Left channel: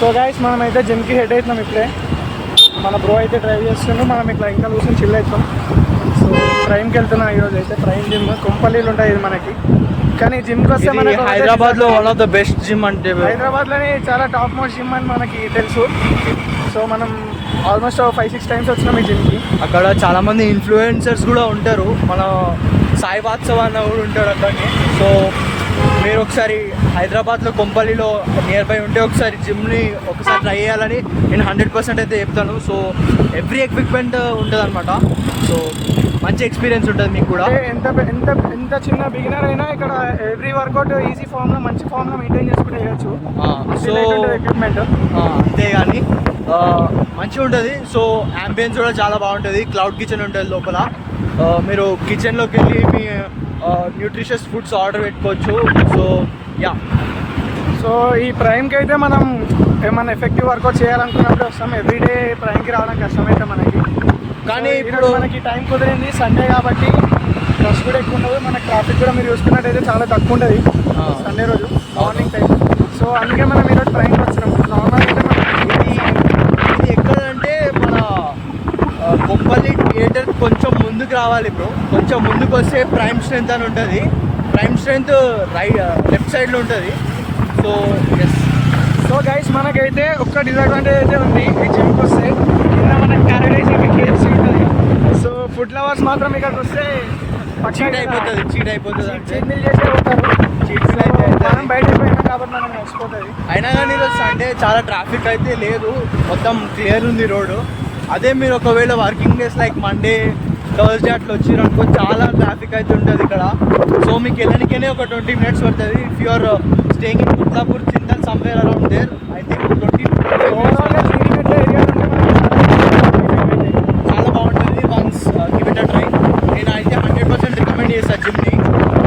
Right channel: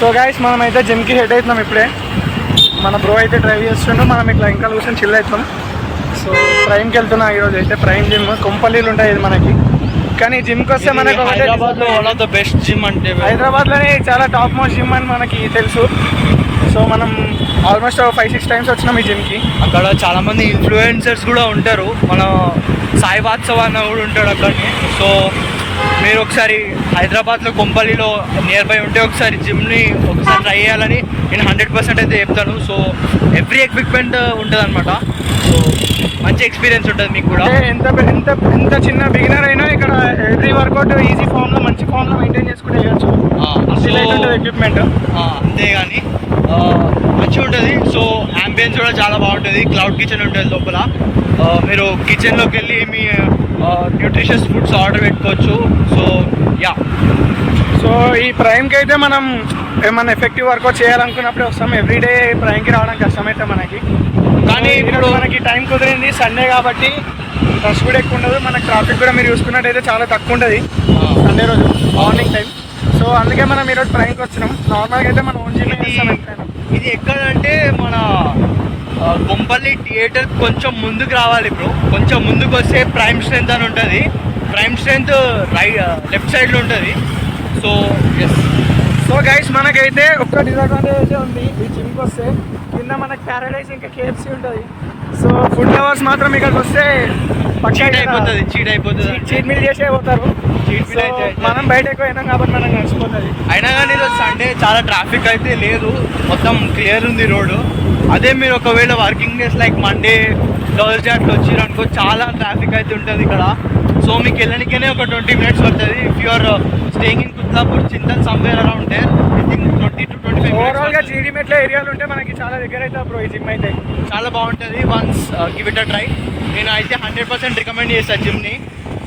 So guys మనం అయితే జిమ్కి హెడ్ అవుతున్నాం ఇప్పుడే. మన బ్రో అయితే డ్రైవ్ చేస్తుండు, మనం ఇట్లా ఇంకా కూర్చొని చిల్ అవుతాం. సో ప్రైమ్కి వెళ్తున్నా ఈరోజు అయితే. ప్రైమ్ జిమ్ కొంపల్లిలు ఉంటాయి ఇది మనకి. కానీ జిమ్కి వస్తే మనకు హైదరాబాద్లో one of the best gym అంటే హైదరాబాద్లోనే చాలా టాప్ మోస్ట్ జిమ్ అని మనకి తెలుసు. సో మనం ఆల్మోస్ట్ 5-6 టైమ్స్ వచ్చినాం ఈ జిమ్కి. అక్కడ చాలామంది ఇన్ఫ్లుయెన్సర్స్ కూడా ఉంటారు. మన సాయి వాత్సవ్ అన్న కూడా ఉంటాడు అక్కడనే. సో మీరు ఒకసారి హైదరాబాద్లో కొంపల్లిలో నియర్ బై ఉంటే ఒకసారి జిమ్ని ఒకసారి ట్రై చేయాలని నేను 100% అయితే చెప్తాను. సో ఎవ్రీ ఎక్విప్మెంట్ ఉంటుంది అనమాట. సో మంచి ఎక్స్పీరియన్స్ ఉంటుంది మీకు కూడా. ఎంత ఎంత ఎంత చిన్న బిగినర్ అయినా ఇక్కడ ఎవ్రీ వర్కౌట్ ఈజీ ఫామ్లో మంచి ఫామ్లో మెయింటైన్ చేసుకుంటే చేయొచ్చు. ఎక్విప్మెంట్ అంతేగాని మంచిగా ఉంటుంది. సో యాంబియన్స్ కూడా చాలా బాగుంటుంది. క్లౌడ్ కిచెన్ ఉంటుంది లోపల. మీరు కిచెన్లోకి వెళ్ళి మీ న్యూట్రిషియస్ ఫుడ్స్ ఆర్డర్ పెట్టుకోవచ్చు. సో యా, సో ఈ ప్రైమ్కి అయితే మనం ఏమన్నా ఎఫెక్టివ్ వర్కౌట్ చేయాలనుకున్నప్పుడు వస్తాం. ఎవ్రీడే ప్రైమ్కి రావడం కష్టమైతే మనకి. కానీ ఇప్పుడు మనకి టైం కుదిరింది, సండే కాబట్టి రష్ కూడా ఎక్కువ ఉండదు. మనకి ట్రాఫిక్ కూడా మీరు చూసుకున్నట్టయితే చాలా తక్కువ ఉంటుంది సండే రోజు మార్నింగ్ టైం. సో అందుకే మనం ఈరోజు ప్రైమ్కి వచ్చినాం. నార్మల్గా అయితే మనం ఇది ఎక్కడంటే మన కొంపల్లి థియేటర్ కొంచెం ముందుకు రావాలి బ్రో. కొంచెం ముందుకు వస్తే ప్రైమ్ స్ట్రెంత్ అని ఉంటుంది. ప్రైమ్ స్ట్రెంత్ లెఫ్ట్ సైడ్లో ఉంటుంది. So yes. సో గైస్ మనకైతే ఒక్క డిసడ్వాంటేజ్ అయితే ఉంది ఈ జిమ్కి వస్తే. కింద మనకి ప్యారడైజ్ ఇంకా KFC ఉంటుంది. సో ఫుడ్ లవర్స్ మాత్రం ఇక్కడికి వస్తే చీట్ అయిపోతుంది. చీట్ మీల్ చేసే పోతారు. మనం బయటకు పోయినాం కాబట్టి మనం నడిచిపోతుంది. అయినా కానీ ఈరోజు సండే చాలా ట్రాఫిక్ అయితే లేదు, మొత్తం క్లియర్ ఉంది రోడ్డు. అదే మీరు ఒకవేళ working days like Monday Thursday అట్లా వచ్చారు అనుకో చాలా ట్రాఫిక్ అయితే ఉంటుంది ఇక్కడ. సో మీకు వెళ్ళడానికనే ఒక 20 minutes పడుతుంది. If you are staying in Kutlapur, Chintal, somewhere around there, I think 20 to 25 ఓవరాల్గా జీడిమెట్ల ఏరియాలు ఉంటే మనకి చాలా బాగుంటుంది. Once give it a try. నేను అయితే 100% రికమెండ్ చేస్తాను జిమ్ని.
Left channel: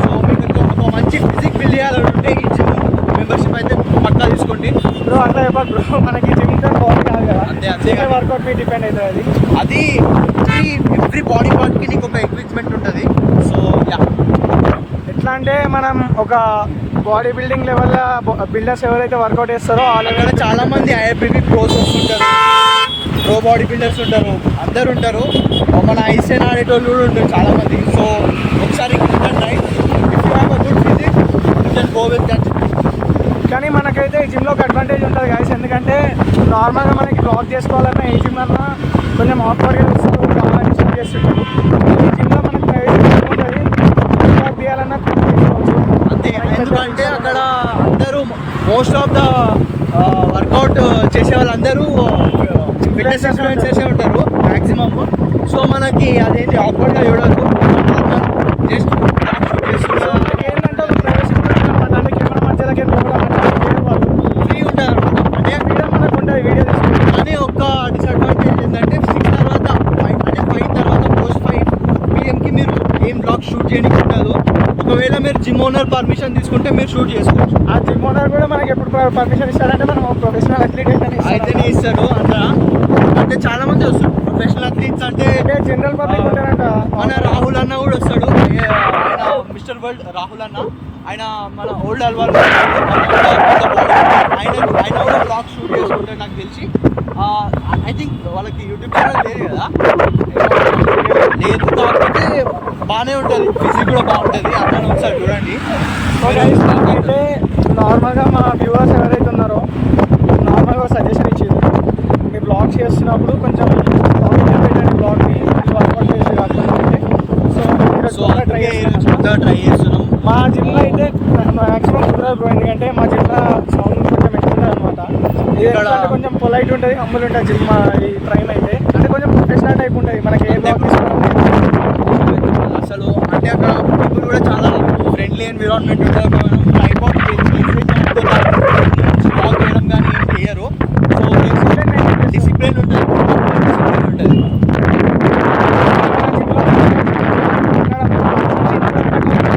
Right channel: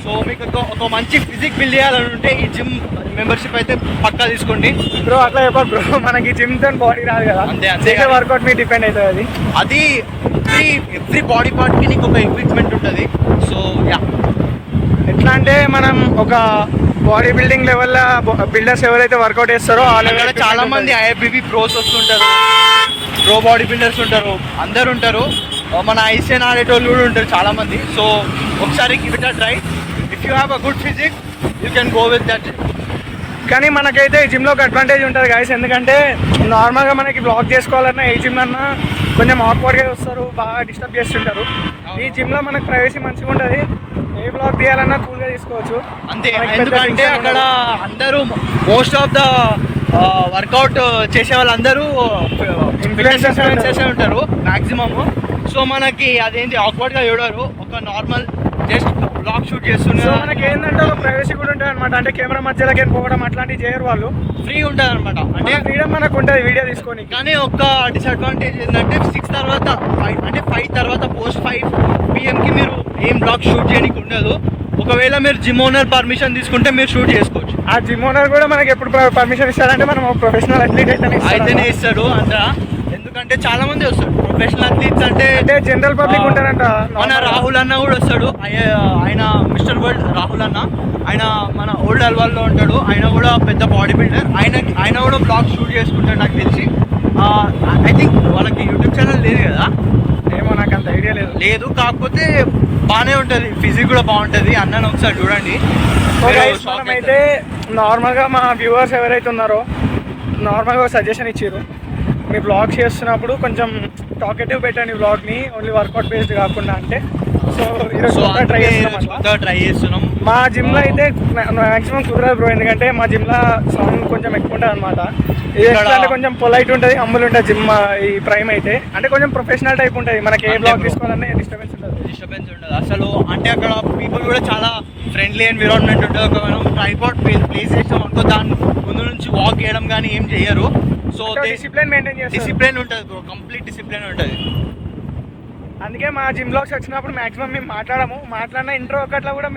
సో మీకు ఒక మంచి ఫిజిక్ బిల్డ్ చేయాలని ఉంటే ఈ జిమ్ మెంబర్షిప్ అయితే పక్కా తీసుకోండి బ్రో. అట్లా చెప్పాలి బ్రో, మనకి జిమ్ తో బాడీ రాదు కదా. అంతే వర్కౌట్ మీద డిపెండ్ అవుతుంది. అది ఎవ్రీ బాడీ పార్ట్కి నీకు ఒక ఎక్విప్మెంట్ ఉంటుంది. సో యా, ఎట్లా అంటే మనం ఒక బాడీ బిల్డింగ్ లెవెల్లో బిల్డర్స్ ఎవరైతే వర్కౌట్ చేస్తారో ఆ లెవెల్లో చాలా మంది IFBB ప్రోస్ వస్తుంటారు, ప్రో బాడీ బిల్డర్స్ ఉంటారు, అందరు ఉంటారు. మన ఐసెన్ ఆడేటోళ్ళు కూడా ఉంటారు చాలా మంది. సో ఒకసారి give it a try. If you have a good physique you can go with that. కానీ మనకైతే ఈ జిమ్లో ఒక అడ్వాంటేజ్ ఉంటుంది గాయస్. ఎందుకంటే నార్మల్గా మనకి బ్లాక్ చేసుకోవాలన్నా ఏ జిమ్ అన్నా కొంచెం ఆక్వర్డ్గా వస్తారు, బాగా డిస్టర్బ్ చేస్తుంటారు. ఈ జిమ్లో మనకు ప్రైవసీ మంచిగా ఉంటుంది. ఏ బ్లాక్ తీయాలన్నా కొన్ని తీసుకోవచ్చు అంతే. ఎందుకంటే అక్కడ అందరూ మోస్ట్ ఆఫ్ ద వర్కౌట్ చేసే వాళ్ళందరూ ఇన్ఫ్లుయెన్సర్స్ చేసే ఉంటారు మ్యాక్సిమమ్. సో మనకి అదేంటి ఆక్వర్డ్గా చూడరు. నార్మల్ జస్ట్ బ్లాక్ షూట్ చేస్తున్నారు. మనకి ఏంటంటే ఒక ప్రైవసీ కూడా ఉంటుంది అనమాట. అంటే కెమెరా మధ్యలోకి పోవడం అట్లాంటివి చేయరు వాళ్ళు. ఫ్రీ ఉంటుంది అనమాట. అంటే ఫ్రీడమ్ మనకు ఉంటుంది వీడియో తీసుకుంటే. కానీ ఒక్క డిసడ్వాంటేజ్ ఏంటంటే 6 తర్వాత అంటే 5 తర్వాత పోస్ట్ 5 PM మీరు ఏం బ్లాగ్ షూట్ చేయడానికి ఉండదు. ఒకవేళ మీరు జిమ్ ఓనర్ పర్మిషన్ తీసుకుంటే మీరు షూట్ చేసుకోవచ్చు. ఆ జిమ్ ఓనర్ కూడా మనకి ఎప్పుడు పర్మిషన్ ఇస్తాడంటే మనం ప్రొఫెషనల్ అథ్లీట్ అయితేనే ఇస్తాడు అంత. ఎందుకంటే చాలా మంది వస్తారు ప్రొఫెషనల్ అథ్లీట్స్ అంటే జనరల్ పబ్లిక్ ఉంటారంట. మన రాహుల్ అన్న కూడా వస్తాడు. ఆయన మిస్టర్ వరల్డ్ రాహుల్ అన్న, ఆయన మన ఓల్డ్ అల్వాల్ ఉంటాడు. ఆయన కూడా పెద్ద బాడీ బిల్డర్. ఆయన కూడా బ్లాగ్ షూట్ చేసుకుంటాడు నాకు తెలిసి. ఐ థింక్ వాళ్ళకి యూట్యూబ్ ఛానల్ లేదు కదా, లేదు. కాకపోతే బాగానే ఉంటుంది, ఫిజిక్ కూడా బాగుంటుంది. అన్నను ఒకసారి చూడండి. అయితే నార్మల్గా మన వ్యూవర్స్ ఎవరైతే ఉన్నారో నార్మల్గా సజెషన్ ఇచ్చారు, మీ బ్లాగ్ చేస్తున్నప్పుడు కొంచెం టాకెటివ్ పెట్టండి బ్లాగ్ని, ఓన్లీ వర్కౌట్ బేస్డ్ కాకుండా. అంటే సో ట్రై చేస్తున్నాం. మా జిమ్లో అయితే మ్యాక్సిమం కుదరదు బ్రో. ఎందుకంటే మా జిమ్లో సౌండ్ కొంచెం ఎక్కువ ఉంటుంది అనమాట. ఇది కొంచెం పొలైట్ ఉంటుంది, హంబుల్ ఉంటుంది జిమ్. ఈ ప్రైమ్ అయితే అంటే కొంచెం ప్రొఫెషనల్ టైప్ ఉంటుంది. మనకి ఏ బ్లాగ్ తీసుకోవాలని అసలు అంటే అక్కడ పీపుల్ కూడా చాలా ఫ్రెండ్లీ ఎన్విరాన్మెంట్ ఉంటుంది. ఒక మనం ట్రైపాడ్ ప్లేస్ చేసాం దాని ముందు నుంచి వాక్ చేయడం కానీ ఏం చేయరు. సో డిసిప్లిన్ ఉంటుంది, కంప్లీట్ డిసిప్లిన్ ఉంటుంది. మా జిమ్లో మాట్లాడిన ఇంట్లో ఒకట్లో కూడా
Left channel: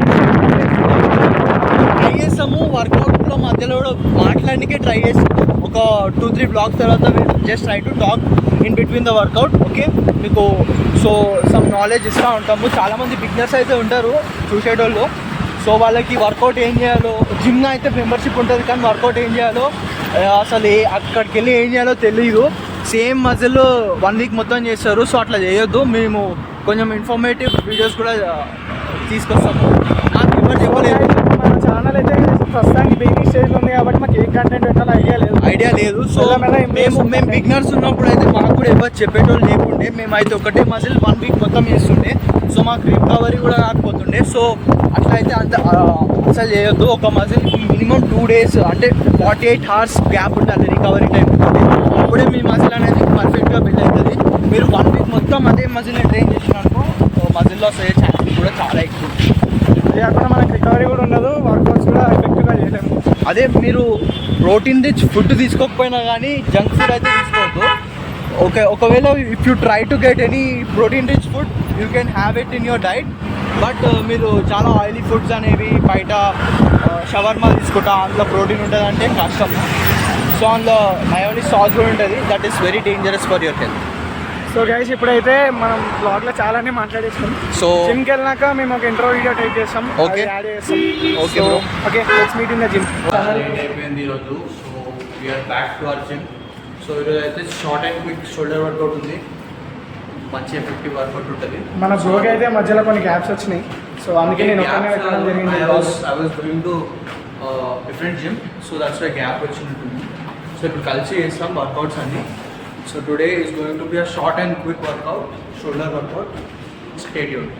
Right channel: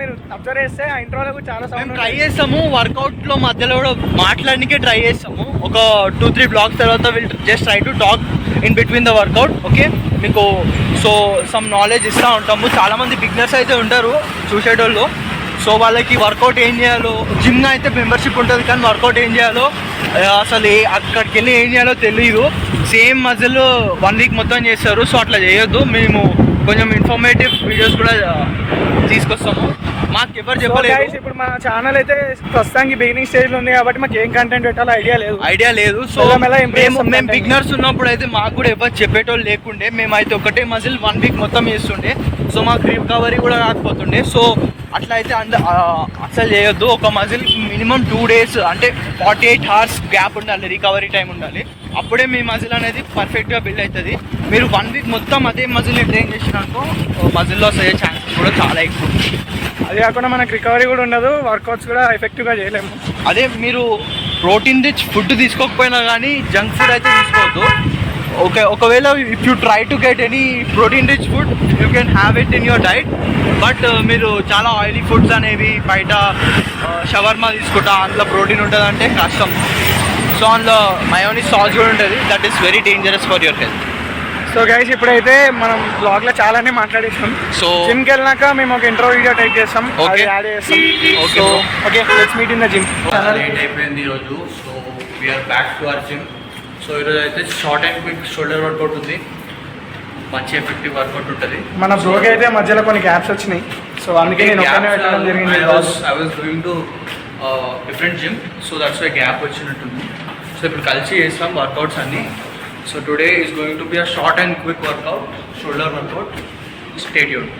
ట్రై చేస్తాము. వర్కౌట్లో మధ్యలో కూడా మాట్లాడడానికే ట్రై చేస్తాము. ఒక 2-3 బ్లాక్స్ తర్వాత just try to talk in between the work out. Okay, మీకు సో సమ్ నాలెడ్జ్ ఇస్తూ ఉంటాము. చాలామంది బిగినర్స్ అయితే ఉంటారు చూసేటోళ్ళు. సో వాళ్ళకి వర్కౌట్ ఏం చేయాలో, జిమ్ అయితే మెంబర్షిప్ ఉంటుంది కానీ వర్కౌట్ ఏం చేయాలో అసలు అక్కడికి వెళ్ళి ఏం చేయాలో తెలియదు. సేమ్ మజిల్ 1 వీక్ మొత్తం చేస్తారు. సో అట్లా చేయొద్దు. మేము కొంచెం ఇన్ఫర్మేటివ్ వీడియోస్ కూడా తీసుకొస్తాము. మాకు ఎవరు చెప్పలేదు. మన ఛానల్ అయితే ప్రస్తుతానికి బిగినింగ్ స్టేజ్లో ఉంది కాబట్టి మాకు ఏం కంటెంట్ పెట్టాలో ఐడియా లేదు. సో మేము బిగినర్స్ ఉన్నప్పుడు అయితే మాకు కూడా ఎవరు చెప్పేటోళ్ళు లేకుండే. మేమైతే ఒకటే మజిల్ 1 వీక్ మొత్తం చేస్తుండే. సో మాకు రికవరీ కూడా రాకపోతుండే. సో అట్లా అయితే అసలు చేయొద్దు. ఒక మజిల్ మినిమం 2 days అంటే 48 hours గ్యాప్ ఉండాలి, రికవరీ టైం ఉండాలి. అప్పుడే మీ మజిల్ అనేది పర్ఫెక్ట్గా బిల్డ్ అవుతుంది. మీరు 1 వీక్ మొత్తం అదే మజిల్ని ట్రైన్ చేసినాకో మజిల్ లాస్ అయ్యే ఛాన్సెస్ కూడా చాలా ఎక్కువ. అది కాకుండా మనకు రికవరీ కూడా ఉండదు, వర్కౌట్స్ కూడా ఎఫెక్టివ్గా చేయలేము. అదే మీరు ప్రోటీన్ రిచ్ ఫుడ్ తీసుకోకపోయినా కానీ జంక్ ఫుడ్ అయితే తీసుకోవద్దు. ఓకే, ఒకవేళ if you try to get any protein rich food you can have it in your diet. But మీరు చాలా ఆయిలీ ఫుడ్స్ అనేవి బయట షవర్మా తీసుకుంటా అందులో ప్రోటీన్ ఉంటుంది అంటే కష్టము. సో అందులో మయోనీస్ సాస్ కూడా ఉంటుంది. That is very dangerous for your health. So guys ఇప్పుడైతే మనం బ్లాగ్లో చాలానే మాట్లాడేస్తాం. సో జిమ్కి వెళ్ళినాక మేము ఒక ఇంట్రో వీడియో టైప్ చేస్తాం, యాడ్ చేస్తాం. So okay, let's meet in the gym. అయిపోయింది ఈరోజు. So we are back to our gym. So ఈరోజు అయితే short and quick shoulder workout ఉంది. మంచి ఎఫెక్టివ్ వర్కౌట్ ఉంటుంది. మన బ్రోకి అయితే మధ్యలో కొన్ని గ్యాప్స్ వచ్చినాయి. సో అందుకే నేను ఒక్కనే పెట్టడం జరిగింది. I was going to different gym. So that's why gap వచ్చినట్టుంది. సో ఇప్పుడు కలిసి చేస్తాం వర్కౌట్స్ అన్నీ. So today is going to be a short and quick workout, shoulder workout. Stay tuned.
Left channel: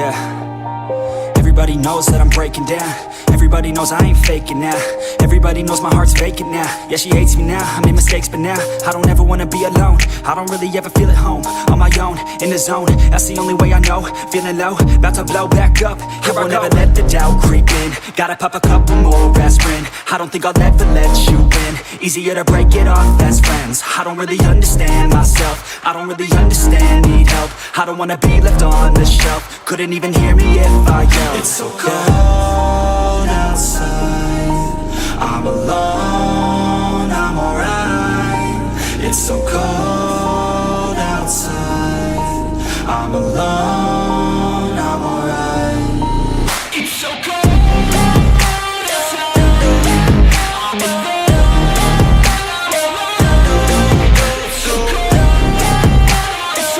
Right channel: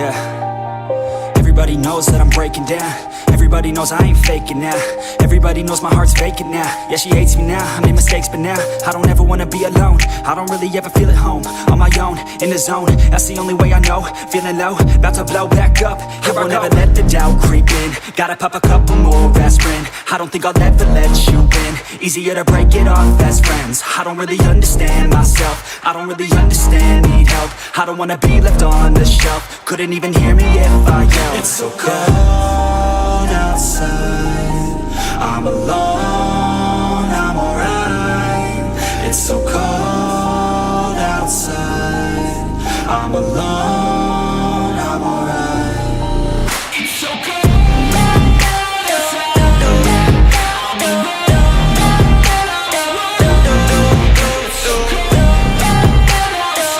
Yeah. Everybody knows that I'm breaking down. Everybody knows I ain't faking now. Everybody knows my heart's vacant now. Yeah, she hates me now, I made mistakes but now I don't ever wanna be alone. I don't really ever feel at home. On my own, in the zone, that's the only way I know. Feeling low, about to blow back up. Here I won't ever let the doubt creep in. Gotta pop a couple more aspirin. I don't think I'll ever let you in. Easier to break it off best friends. I don't really understand myself. I don't really understand, need help. I don't wanna be left on the shelf. Couldn't even hear me if I yelled. It's so cold outside, I'm alone, I'm alright. It's so cold outside, I'm alone, I'm alright. It's so cold outside, I'm alone, it's so cold outside,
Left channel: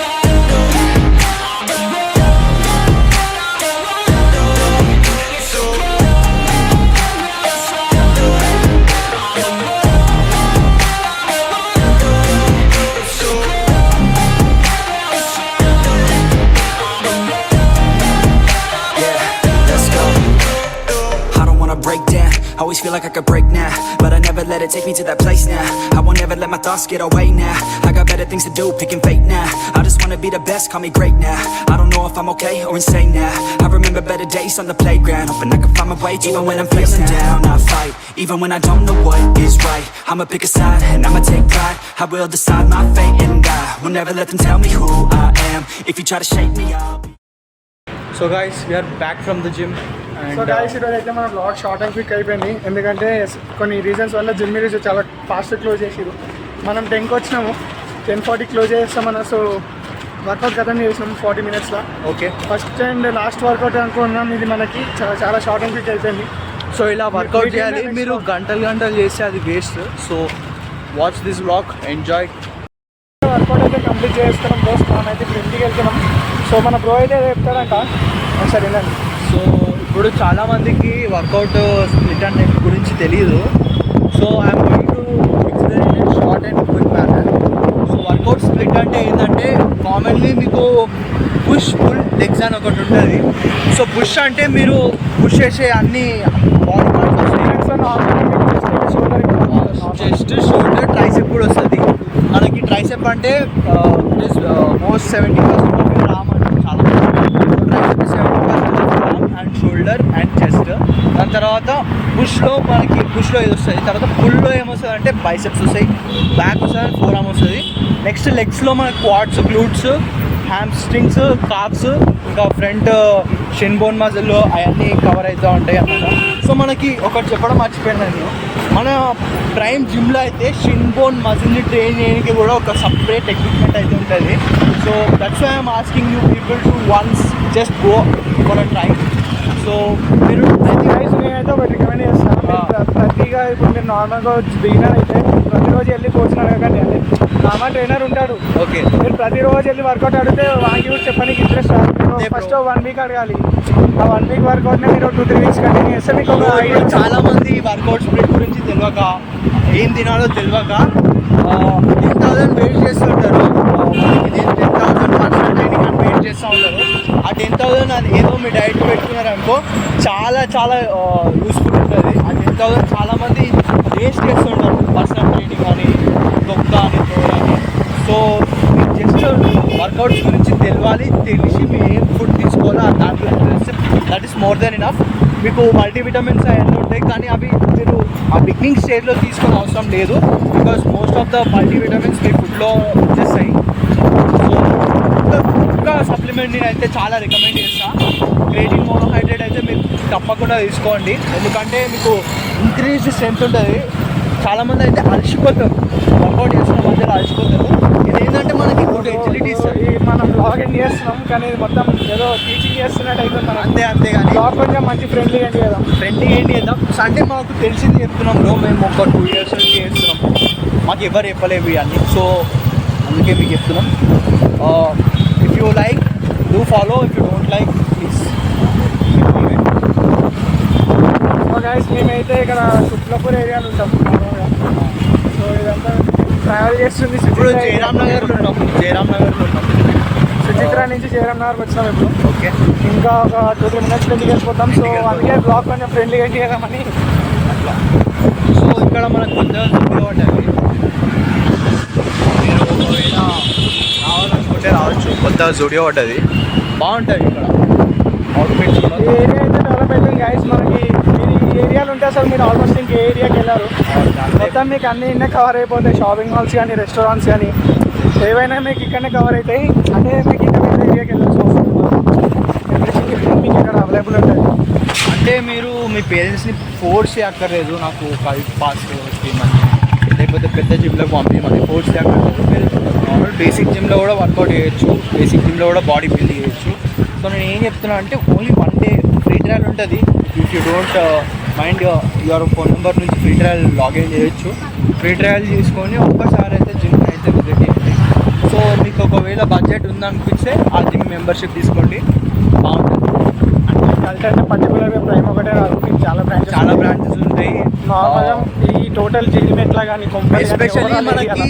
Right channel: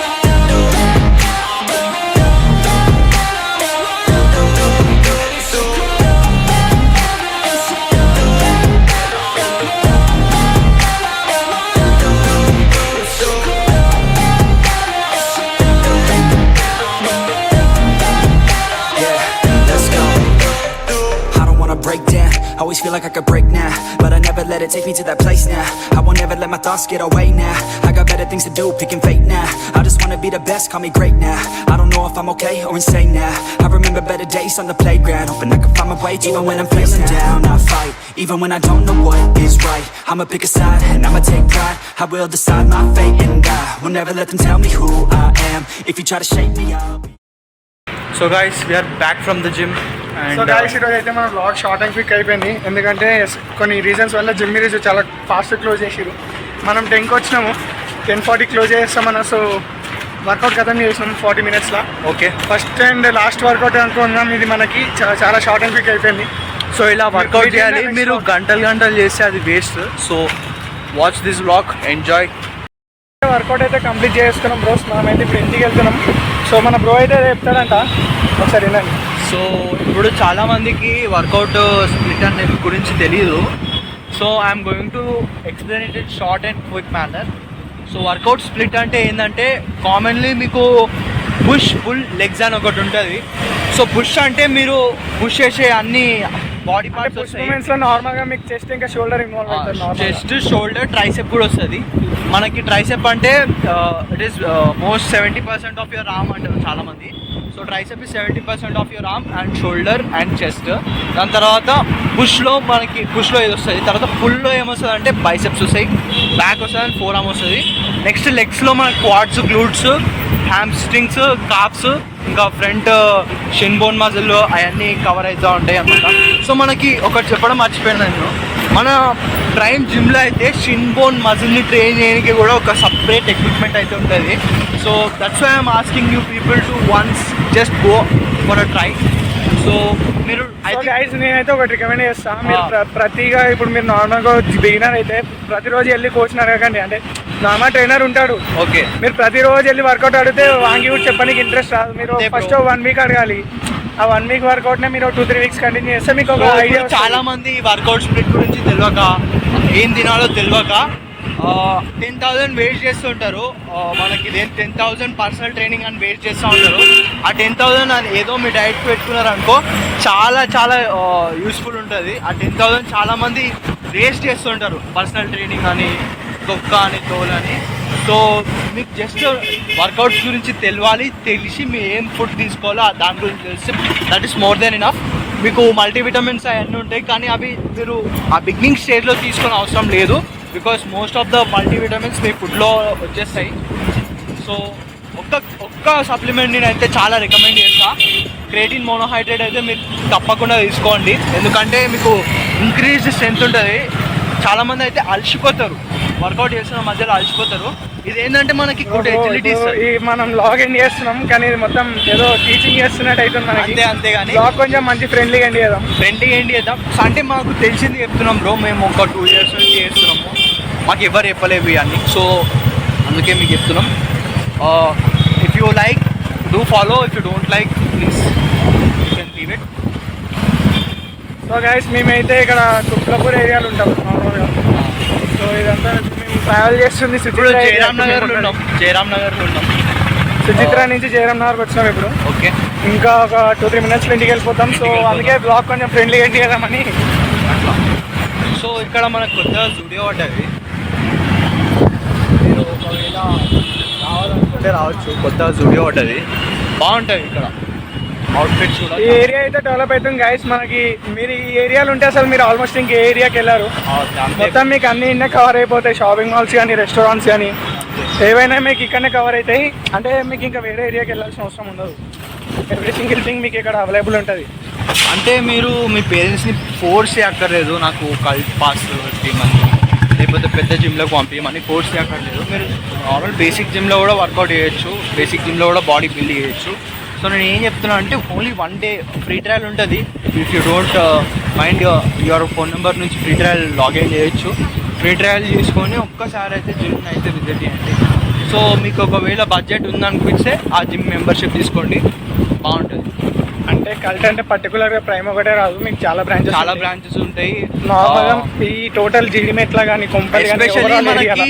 break down, always feel like I could break now, but I never let it take me to that place now. I won't ever let my thoughts get away now. I got better things to do, picking fate now. I just wanna be the best, call me great now. I don't know if I'm okay or insane now. I remember better days on the playground, hoping I can find my way even when I'm feeling down. I fight, even when I don't know what is right. I'ma pick a side, and I'ma take pride. I will decide my fate, and I will never let them tell me who I am. If you try to shape me, I'll be... So guys, we are back from the gym. So guys ఈరోజు అయితే మన blog short and quick అయిపోయింది. ఎందుకంటే కొన్ని reasons వల్ల gym ఈరోజు చాలా fast close చేసిరు. మనం 10కి వచ్చినాము, 10:40 క్లోజ్ చేస్తామన్నా. సో వర్కౌట్ ఖతం చేసినాం 40 minutesలో. Okay, first and last workout అనుకున్నాం. ఇది మనకి చాలా షార్ట్ అండ్ క్విక్ అయిపోయింది. సో ఇలా వర్కౌట్ చేయాలి. మీరు గంటలు చేస్తే అది waste. So watch this blog, enjoy. Workout అయితే కంప్లీట్ చేసుకున్నాం బ్రోస్. మనం అయితే ఇప్పుడు ఇంటికి వెళ్తున్నాం. సో మన బ్రో అయితే చెప్తాడంట, ఒకసారి వినండి. సో ఇప్పుడు చాలామందికి వర్కౌట్ స్ప్లిట్ అనే గురించి తెలియదు. So I'm going to explain it in short and quick manner. So workout split అంటే ఏంటంటే కామన్లీ మీకు పుష్ పుల్ లెగ్స్ అని ఒకటి ఉంటుంది. సో పుష్ అంటే మీరు పుష్ చేసే అన్ని బాడీ పార్ట్స్ వస్తాయి. నార్మల్గా మీకు చెస్ట్ ఇంకా షోల్డర్, చెస్ట్ షోల్డర్ ట్రైసెప్ కూడా వస్తుంది. మనకి ట్రైసెప్ అంటే it is most 70% of your arm అంటారు చాలా. So tricep is 70% of your arm and shoulder and chest. దాని తర్వాత పుష్లో ఇది వస్తుంది. తర్వాత పుల్లో ఏమొస్తుంది అంటే బైసెప్స్ వస్తాయి, బ్యాక్ వస్తుంది, ఫోర్ ఆర్మ్ వస్తుంది. నెక్స్ట్ లెగ్స్లో మనకి క్వాడ్స్, గ్లూట్స్, హ్యామ్స్ట్రింగ్స్, కాప్స్, ఇంకా ఫ్రంట్ షిన్ బోన్ మజిల్ అవన్నీ కవర్ అవుతూ ఉంటాయి అన్నమాట. సో మనకి ఒకటి చెప్పడం మర్చిపోయాను నేను, మన ప్రైమ్ జిమ్లో అయితే షిన్ బోన్ మజిల్ని ట్రైన్ చేయడానికి కూడా ఒక సపరేట్ ఎక్విప్మెంట్ అయితే ఉంటుంది. So that's why I'm asking you people to once just go for a try. So మీరు గైస్ నేనైతే ఒకటి రికమెండ్ చేస్తాను, మీరు ప్రతిగా ఇప్పుడు మీరు నార్మల్గా బిగినర్ అయితే ప్రతిరోజు వెళ్ళి కోచ్ని అడగండి. అంటే నార్మల్ ట్రైనర్ ఉంటాడు, ఓకే, మీరు ప్రతిరోజు వెళ్ళి వర్కౌట్ అడిగితే వాంగి కూడా చెప్పడానికి ఇంట్రెస్ట్ రాదు. మీరు ఫస్ట్ 1 వీక్ అడగాలి. ఆ 1 వీక్ వర్కౌట్నే మీరు 2-3 వీక్స్ కంటిన్యూ చేస్తే మీకు ఒక ఐడియా. చాలా మంది వర్కౌట్ స్ప్లిట్ గురించి తెలియక, ఏం తినాలో తెలియక 10,000 వెయిట్ చేస్తుంటారు. మనకి 10,000 పర్సనల్ ట్రైనింగ్ అని వెయిట్ చేస్తూ ఉంటారు. ఆ 10,000 అని ఏదో మీ డైట్ పెట్టుకున్నారు అనుకో, చాలా చాలా యూస్ఫుల్ ఉంటుంది. ఆ 10,000 చాలామంది వేస్ట్ చేస్తుంటారు, పర్సనల్ ట్రైనింగ్ అని, దొక్క అని, తోలని. సో మీకు జస్ట్ వర్కౌట్స్ గురించి తెలిసి మీ ఏం ఫుడ్ తీసుకోవాలో దాని గురించి తెలిస్తే that is more than enough. మీకు మల్టీవిటమిన్స్ అవన్నీ ఉంటాయి, కానీ అవి మీరు ఆ బిగినింగ్ స్టేజ్లో తీసుకునే అవసరం లేదు. Because most of the multivitamins మీ ఫుడ్లో వచ్చేస్తాయి. సో ఒక్క సప్లిమెంట్ నేను అయితే చాలా రికమెండ్ చేస్తాను. క్రియేటిన్ మోనోహైడ్రేట్ అయితే మీరు తప్పకుండా తీసుకోండి, ఎందుకంటే మీకు ఇంక్రీజ్డ్ స్ట్రెంత్ ఉంటుంది. చాలామంది అయితే అలసిపోతారు, వర్కౌట్ చేస్తున్న మధ్యలో అలసిపోతారు. ఇది ఏంటంటే మనకి గుడ్ ఎజిలిటీస్, మనం లాగ్ ఎండ్ చేస్తున్నాం కానీ ఇది మొత్తం ఏదో టీచింగ్ చేస్తున్నట్టు అవుతుంది మనకి. అంతే కానీ లాగ్ కొంచెం మంచి ఫ్రెండ్లీగా ఎండ్ చేద్దాం. ఏంటి చేద్దాం అంటే మాకు తెలిసింది చెప్తున్నాం బ్రో, మేము ఒక 2 years నుంచి చేస్తున్నాము, మాకు ఎవరు చెప్పలేవు ఇవన్నీ. సో అందుకే మీకు చెప్తున్నాం. If you like do follow, if you don't like please leave it. So guys మేమైతే ఇక్కడ కుట్లపూర్ ఏరియాలో ఉంటాం నార్మల్గా. సో ఇదంతా మేము ట్రావెల్ చేస్తుంది ఇప్పుడు జయరామ్ నగర్లో ఉన్నాం. సుచిత్ర నుంచి జయరామ్ నగర్కి వచ్చినాం ఇప్పుడు. ఓకే, ఇంకా ఒక 2-3 minutes ఇంటికి వెళ్ళిపోతాం. సో అందుకే బ్లాగ్ కొంచెం ఫ్రెండ్లీగా ఎండ్ చేద్దామని అట్లా. సో ఇక్కడ మనకు కొత్తగా స్టూడియో ఉంటుంది, మీరు ఒకవేళ రావాలనుకుంటే రావచ్చు. కొత్తగా స్టూడియో ఉంటుంది, బాగుంటుంది ఇక్కడ. అవుట్ఫిట్స్ కూడా ఈ ఏరియా అయితే డెవలప్ అవుతుంది గైస్. మనకి మీరు ఈ ఏరియాలో ఉంటే అసలు మీరు ఆల్మోస్ట్ ఇంక ఏరియాకి వెళ్ళారు. మొత్తం మీకు అన్ని ఇన్నే కవర్ అయిపోతాయి. షాపింగ్ మాల్స్ కానీ, రెస్టారెంట్స్ కానీ ఏవైనా మీకు ఇక్కడనే కవర్ అవుతాయి. అంటే మీకు ఇంకా వేరే ఏరియాకి వెళ్ళాల్సిన అవసరం ఉండదు. ఎవ్రీథింగ్ మీకు ఇక్కడ అవైలబుల్ ఉంటుంది. అంటే మీరు మీ పేరెంట్స్ని ఫోర్స్ చేయక్కర్లేదు నాకు కల్ట్ పాస్ చేయమని, లేకపోతే పెద్ద జిమ్లోకి పంపించమని ఫోర్స్ చేయక్కర్లేదు. మీరు నార్మల్ బేసిక్ జిమ్లో కూడా వర్కౌట్ చేయొచ్చు, బేసిక్ జిమ్లో కూడా బాడీ బిల్డ్ చేయొచ్చు. సో నేను ఏం చెప్తున్నా అంటే ఓన్లీ 1 day ఫ్రీ ట్రయల్ ఉంటుంది. If you don't mind your phone number నుంచి ఫ్రీ ట్రయల్ లాగిన్ చేయొచ్చు. ఫ్రీ ట్రయల్ చేసుకొని ఒక్కసారి అయితే జిమ్ని అయితే విజిట్ చేయండి. సో మీకు ఒకవేళ బడ్జెట్ ఉందనిపిస్తే ఆ జిమ్ మెంబర్షిప్ తీసుకోండి, బాగుంటుంది. అంటే కల్ట్ అంటే పర్టికులర్గా ప్రైమ్ ఒకటే రాదు, మీకు చాలా బ్రాంచెస్ ఉంటాయి. నార్మల్గా ఈ టోటల్ జీడిమెట్లా కానీ ఎస్పెషల్లీ మనకి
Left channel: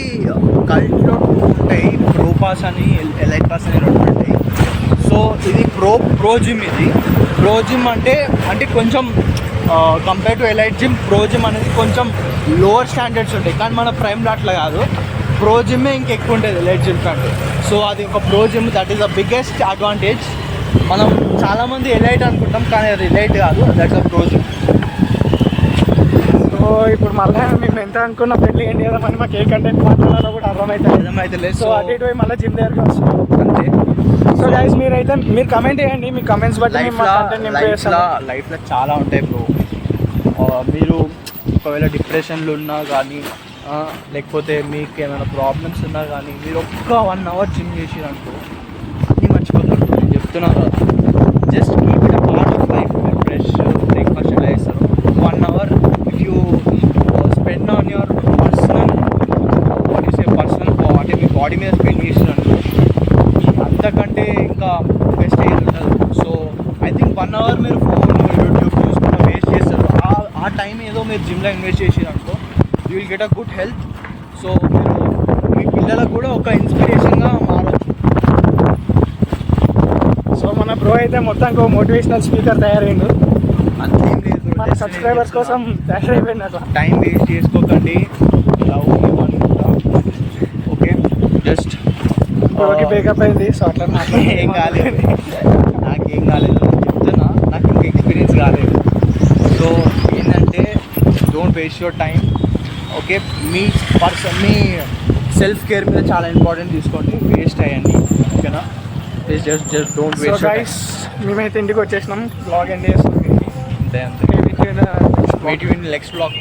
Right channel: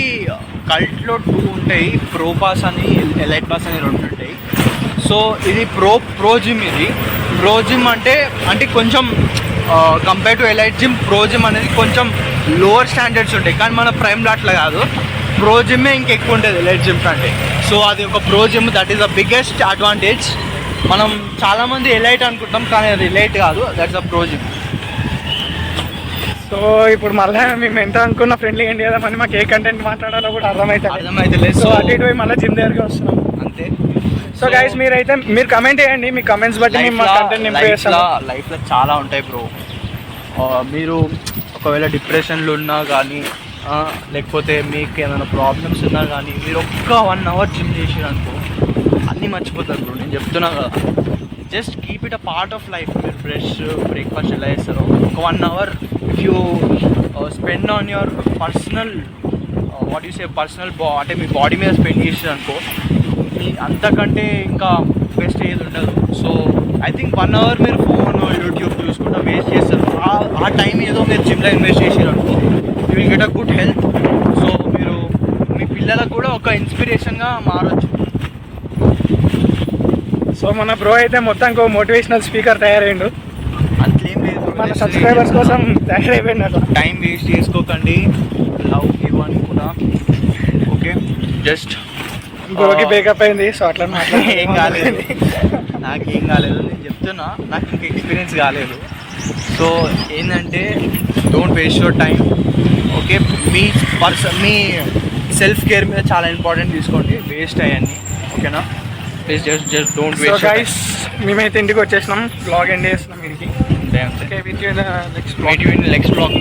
కల్ట్లో 2 ఉంటాయి, ప్రో పాస్ అని, ఎలైట్ పాస్ అని 2 ఉంటాయి. సో ఇది ప్రో జిమ్. ఇది ప్రో జిమ్ అంటే కొంచెం compare to elite gym, pro gym అనేది కొంచెం లోవర్ స్టాండర్డ్స్ ఉంటాయి. కానీ మన ప్రైమ్లో అట్లా కాదు, ప్రో జిమ్మే ఇంకెక్కువ ఉంటుంది ఎలైట్ జిమ్ కంటే. సో అది ఒక pro gym, that is the biggest advantage. మనం చాలామంది ఎలైట్ అనుకుంటాం, కానీ అది ఎలైట్ కాదు, that's a pro gym. So ఇప్పుడు మళ్ళీ మేము ఎంత అనుకున్న ఫ్రెండ్లీ ఏంటి కదా మళ్ళీ మాకు ఏ కంటెంట్ మాట్లాడాలో కూడా అర్థమవుతుంది. సో అటు ఇటు మళ్ళీ జిమ్ దగ్గరికి వస్తున్నాం అంతే. సో గైస్ మీరు కమెంట్ చేయండి, మీ కమెంట్స్ బట్టి లైఫ్లో చాలా ఉంటాయి బ్రో. మీరు ఒకవేళ డిప్రెషన్లో ఉన్నా కానీ, లేకపోతే మీకు ఏమైనా ప్రాబ్లమ్స్ ఉన్నా కానీ, మీరు ఒక్క 1 hour జిమ్ చేసిరనుకో అన్నీ మర్చిపోతారు బ్రో. నేను చెప్తున్నా కదా, just keep it a part of life. మీరు బ్రేక్ఫాస్ట్ ఎలా చేస్తారు, 1 hour if you spend on your personal అంటే మీ బాడీ మీద స్పెండ్ చేసిరనుకో, అంతకంటే ఇంకా బెస్ట్ ఏది ఉండదు. సో ఐ థింక్ 1 hour మీరు ఫోన్, యూట్యూబ్ చూసుకుంటూ వేస్ట్ చేస్తారు. ఆ టైం ఏదో మీరు జిమ్లో ఇన్వెస్ట్ చేసిరనుకో, you will get a good health. So మీరు మీ పిల్లలకు కూడా ఒక ఇన్స్పిరేషన్గా మారచ్చు. సో మన బ్రో అయితే మొత్తం మోటివేషనల్ స్పీకర్ తయారైండు. అంతేం లేదు, మన సబ్స్క్రైబర్స్ కోసం తయారైపోయింది. అట్లా టైం వేస్ట్ చేసుకోకండి, లవ్ యూ అని కూడా. ఓకే, జస్ట్ బ్రోకి బ్రేకప్ అయింది. సో అట్లా ఏం కాలేదు, నాకేం కాలేదు. నేను చెప్తున్నా, నాకు ఇంకా ఎక్స్పీరియన్స్ కాలేదు. సో ఏంటంటే don't waste your time. Okay, me self care మీద చాలా ఇంపార్టెంట్ తీసుకోండి, వేస్ట్ అయ్యండి. ఓకేనా? Please just don't so waste guys మేమైతే ఇంటికి వచ్చేసినాం, బ్లాగ్ ఎండ్ చేస్తున్నాం. మీకు అంతే విత్ నెక్స్ట్ నెక్స్ట్ బ్లాగ్